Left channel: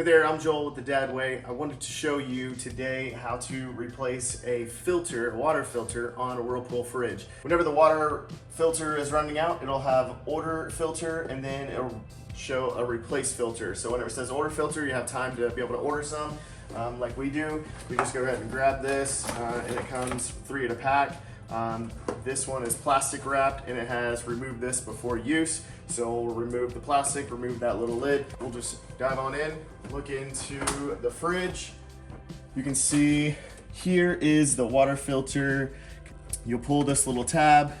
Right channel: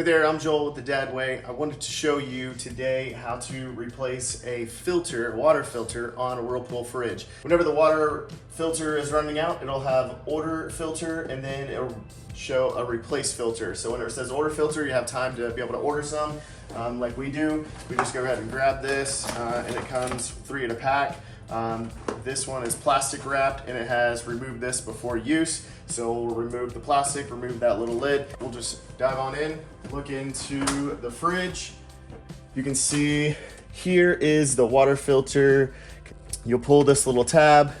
Hey there, I'm Joel with The Dad Way. I wanted to show you today how to replace a filter, a water filter on a Whirlpool fridge. Whenever the water filter is running out, it'll have order filter and then it'll show a replace filter. So whenever it says order filter, you have time to be able to order some. Like we do, we just go ahead and grab this and it comes 3 in a pack. This one is plastic wrapped and it has remove this before use. So we'll remove the plastic, remove that little lid. We'll just dive on in, look into the fridge. You can see here is the water filter. You'll pull this little tab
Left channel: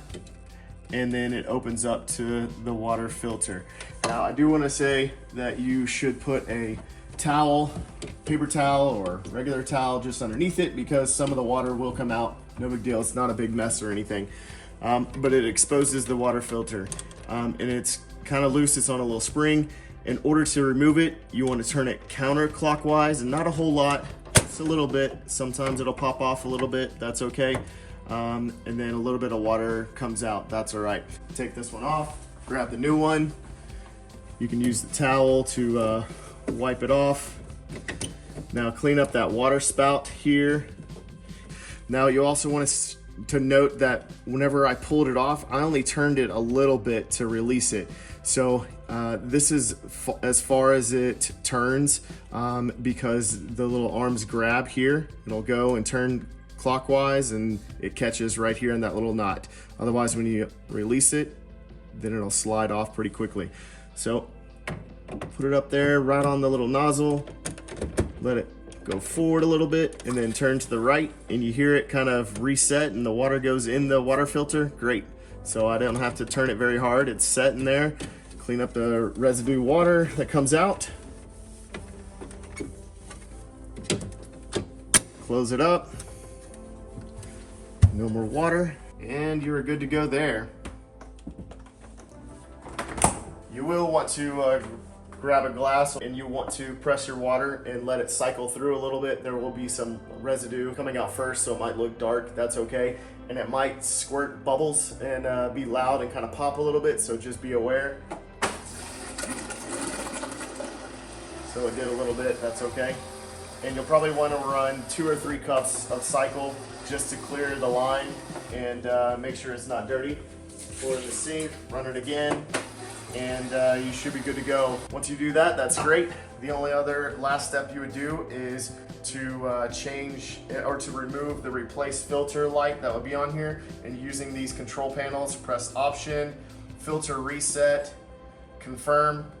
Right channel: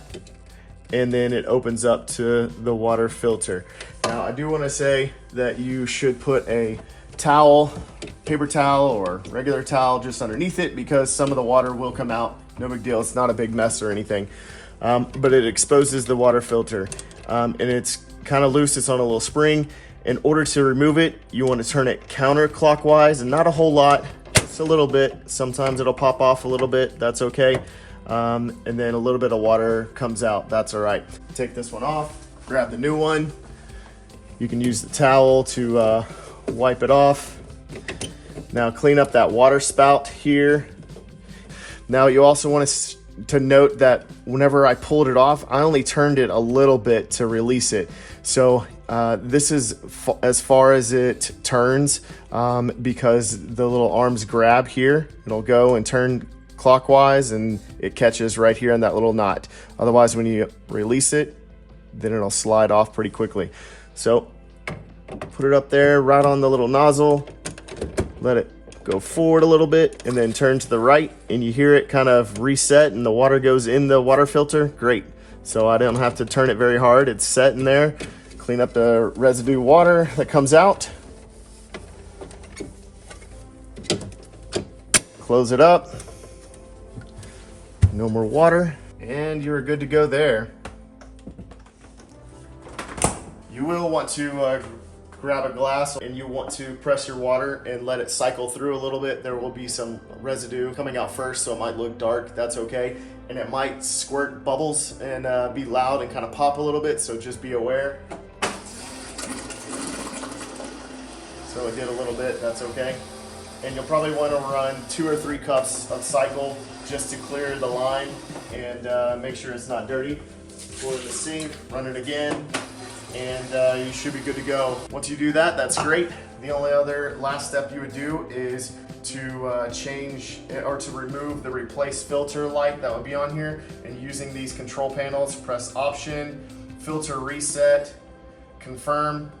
and then it opens up to the water filter. Now I do want to say that you should put a towel, paper towel or regular towel just underneath it because some of the water will come out. No big deal, it's not a big mess or anything. But it exposes the water filter and it's kind of loose, it's on a little spring. In order to remove it, you want to turn it counterclockwise and not a whole lot, just a little bit. Sometimes it'll pop off a little bit, that's okay. And then a little bit of water comes out, that's all right. Take this one off, grab the new one. You can use the towel to wipe it off. Now clean up that water spout here. Now you also want to note that whenever I pulled it off, I only turned it a little bit to release it. So this is as far as it turns because the little arms grab here. It'll go and turn clockwise and it catches right here in that little knot. Otherwise, when you release it, then it'll slide off pretty quickly. So put it up there right on the little nozzle, let it go forward a little bit and then turn to the right and you hear it kind of reset and the water goes in the water filter. Great. So I don't have to turn it very hard. It's set in there. Clean up the residue water that comes out. Close it up. No more water and you're good to go there. You will want to grab a glass and you want to press your water and let it cycle through a little bit. There will be some residue coming out first, so it might look dark, that's okay. And it might squirt bubbles and be loud and kind of pop a little bit, so just be aware. So it did a little bit, that's okay. And you'll probably want to run 2 or 3 cups of cycle just to clear the line and make sure it's not dirty. Pour it in the sink, run it again, and you should be good to go. Once you do that, that's great. The only other last step you would do is to change or to remove the replace filter light that would be on here, and using these control panels, press option, filter reset, confirm,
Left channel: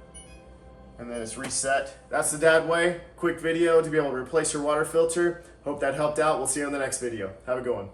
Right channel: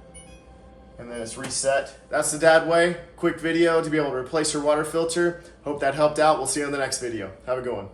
and then it's reset. That's the Dad Way. Quick video to be able to replace your water filter. Hope that helped out. We'll see you on the next video. Have a good one.